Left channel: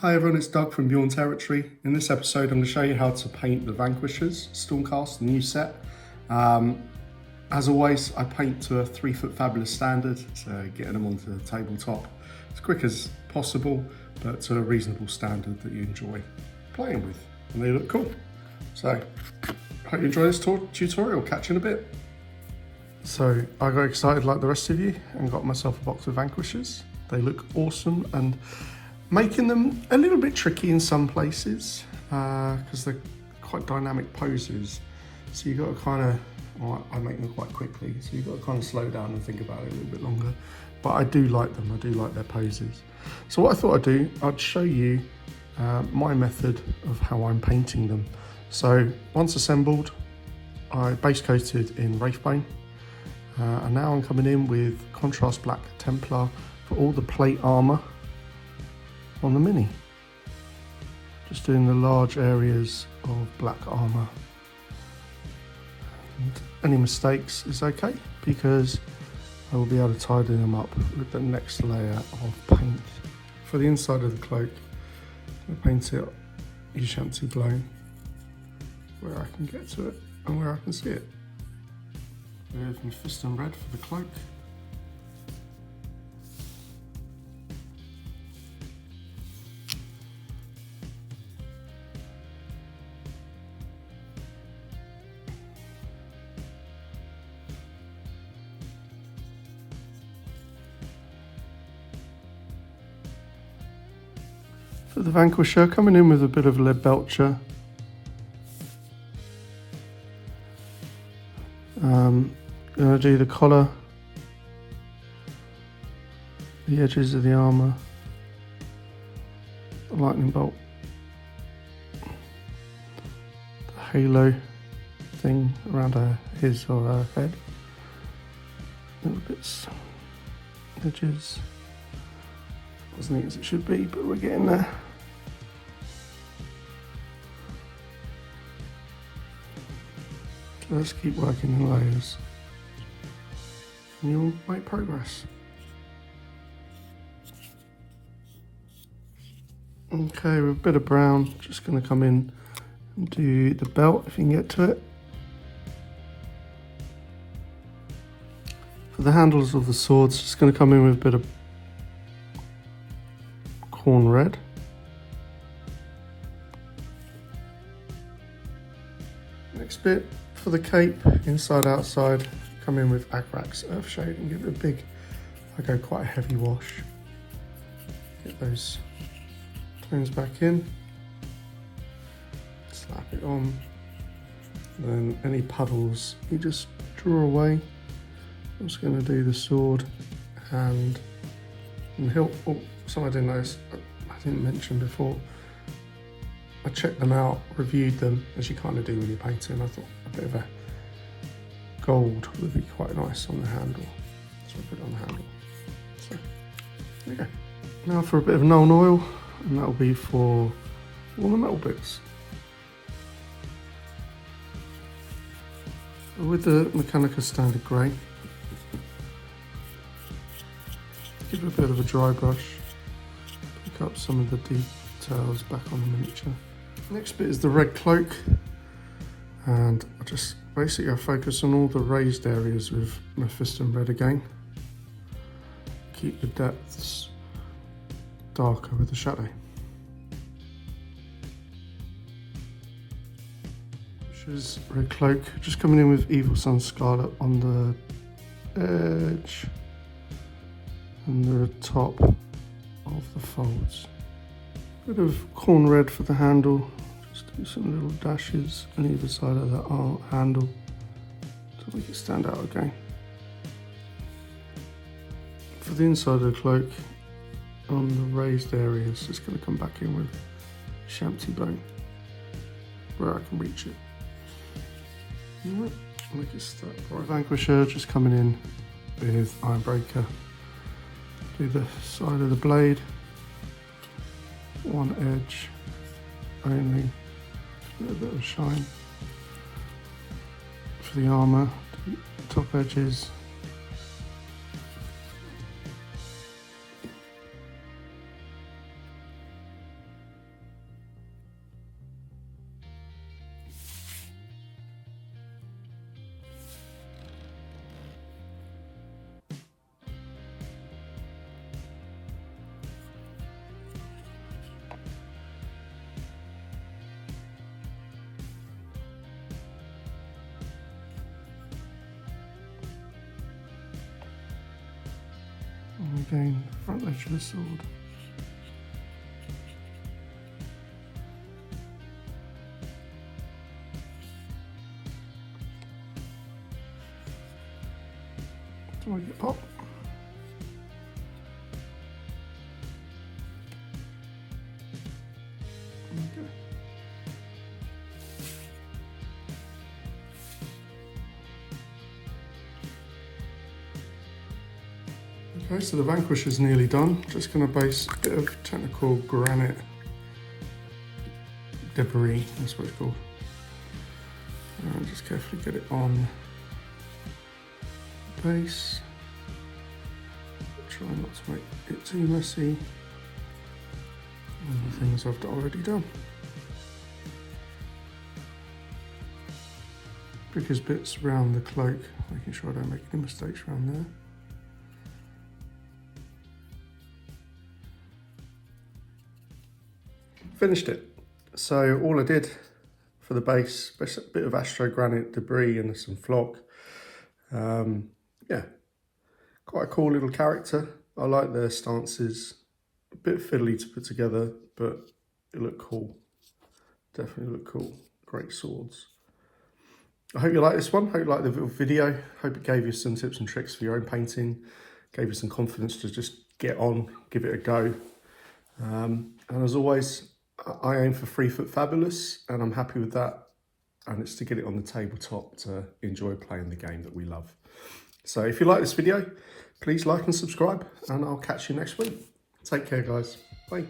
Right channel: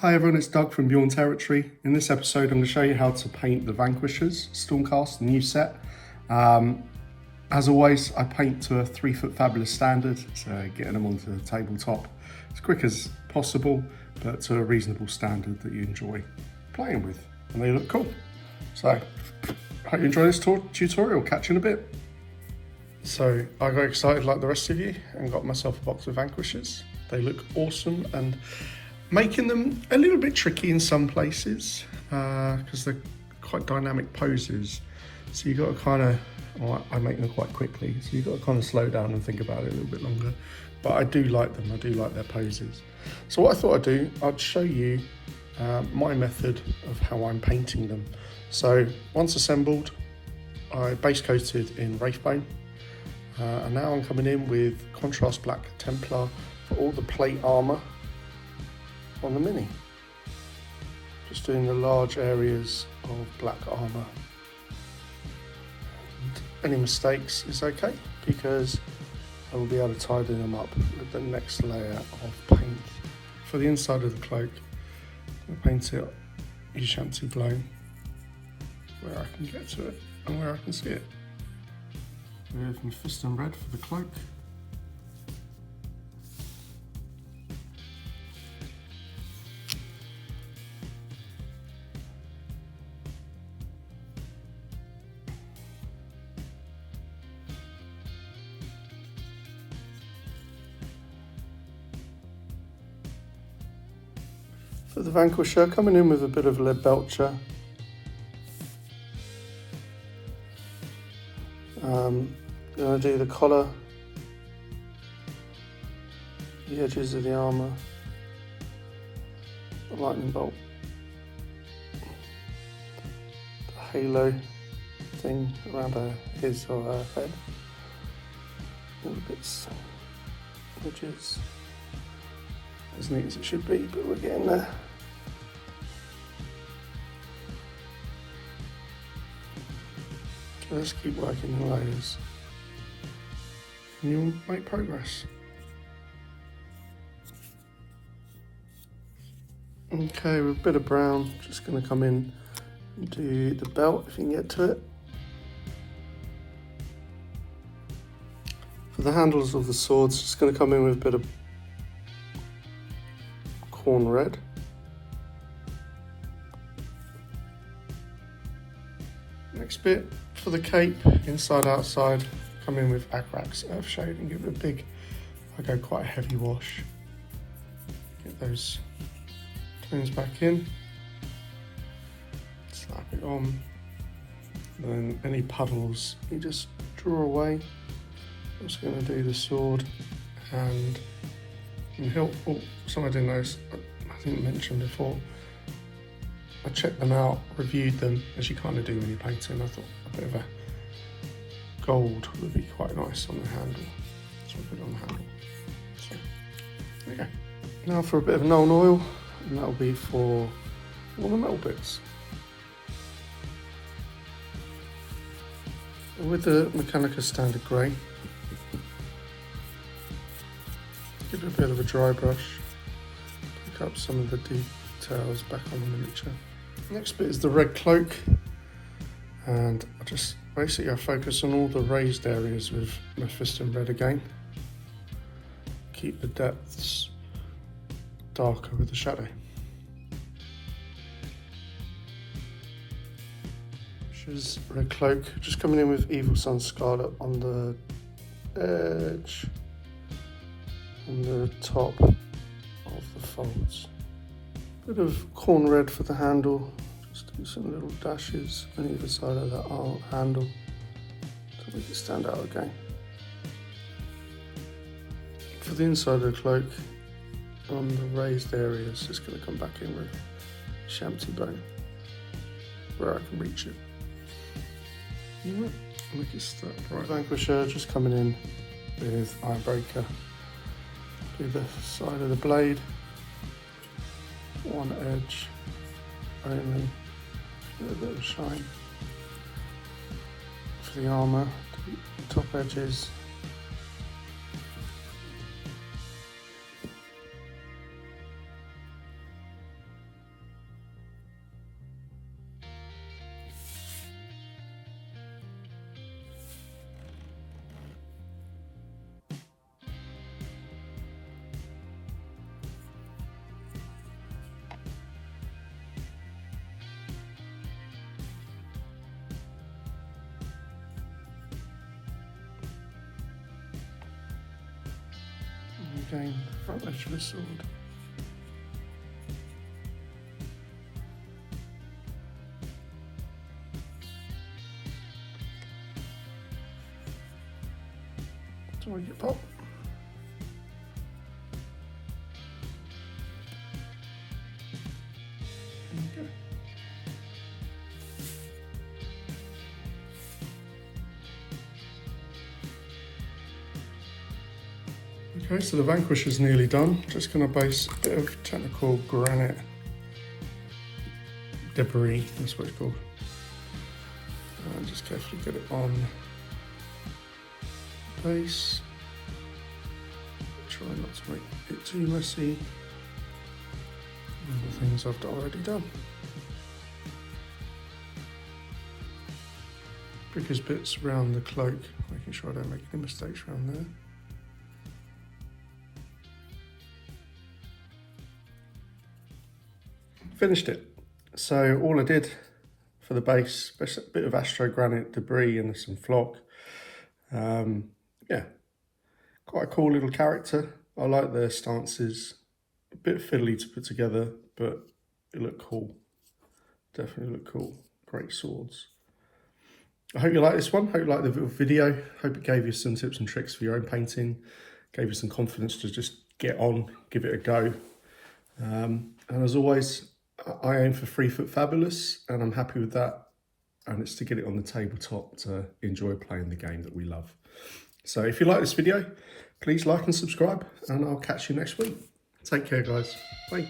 Hi everyone, it's Doug from Bjorn Territory. In this episode I'm going to show you how to paint the Vanquishers, Stormcast, the new set. As always, I paint to a 3-foot fabulous standard, so getting them onto the tabletop as quick as possible, but to a reasonable standard that you enjoy playing with, and they look cool. So, I hope you enjoy this tutorial, catch you in a bit. So, I got excited like the rest of you and got myself a box of Vanquishers. They look awesome, and making them a little bit tricky in some places because they're quite dynamic poses. So you've got to kind of, well, I make them quite quickly, so you've got to kind of slow down and think about it a little bit longer. But I do like them, I do like their poses. So what I thought I'd do, I'd show you my method of how I'm painting them. So once assembled, I base coated in Wraithbone. And now I'm coming in with contrast black Templar for all the plate armour on the mini. Just doing the large areas of black armour. And any mistakes is okay because I'll be able to tidy them up with the next layer of paint. For the inside of the cloak, I'll paint it Ushabti Blown where I can get to it and where I can see it. With my Fist and Red for the cloak. For the Vanquisher, coming in with a bit of lead belcher. Going to do the collar, the edges of the armour, the lightning bolt, the halo thing around his or her head, bits, edges, as neat as it should be, but we're getting there. Let's keep working on those. And you'll make progress. Okay, with a bit of brown, just going to come in and do the belt if you can get to it. For the handles of the swords, just going to come in with a bit of corn red. Next bit, for the cape, inside outside, come in with Agrax Earthshade and give it a big, I go quite a heavy wash. Get those twins back in, slap it on, and then any puddles you just draw away. I'm just going to do the sword and the hilt. Oh, something I didn't notice, I didn't mention before. I checked them out, reviewed them, as you kind of do when you're painting. I thought a bit of a gold would be quite nice on the handle. So I put it on the handle. So, there you go. Now for a bit of Nuln Oil, and that'll be for all the metal bits. With the Mechanica Standard Grey, give it a bit of a dry brush, pick up some of the details back on the miniature. Next bit is the red cloak, and I just basically focus on all the raised areas with my Fist and Red again. Keep the depths darker with the shadow. Which is red cloak, just coming in with Evil Sun Scarlet on the edge and the top of the folds. Bit of corn red for the handle, just do some little dashes on either side of the arm handle to make it stand out again. For the inside of the cloak, on the raised areas, just going to come back in with Ushabti Blown where I can reach it. You know what? Make it start right. Vanquisher just coming in with Ironbreaker. Do the side of the blade. One edge only, a little bit of shine. For the armour, top edges. Interesting front edge of the sword. Pop. Okay, so the Vanquish is nearly done. Just going to base a bit of technical granite debris, that's what it's called. And just carefully get it on the base. Try not to make it too messy. And the things I've already done. Biggest bits around the cloak, making sure I don't make any mistakes around there. Finished it. So all I did for the base, a bit of astro granite debris and some flock. Yeah, quite a cool little character. I like their stances. A bit fiddly to put together, but it looked cool. Definitely looked cool. Great swords. I hope you like this one. Hope you like the video. Hope it gave you some tips and tricks for your own painting. Gave you some confidence to just get on, give it a go. And as always, I aim for 3 foot fabulous, and I'm happy with that. And it's to get it on the tabletop to enjoy playing the game that we love. So if you like this video, please like and subscribe, and I'll catch you next week. Take care, guys. Bye.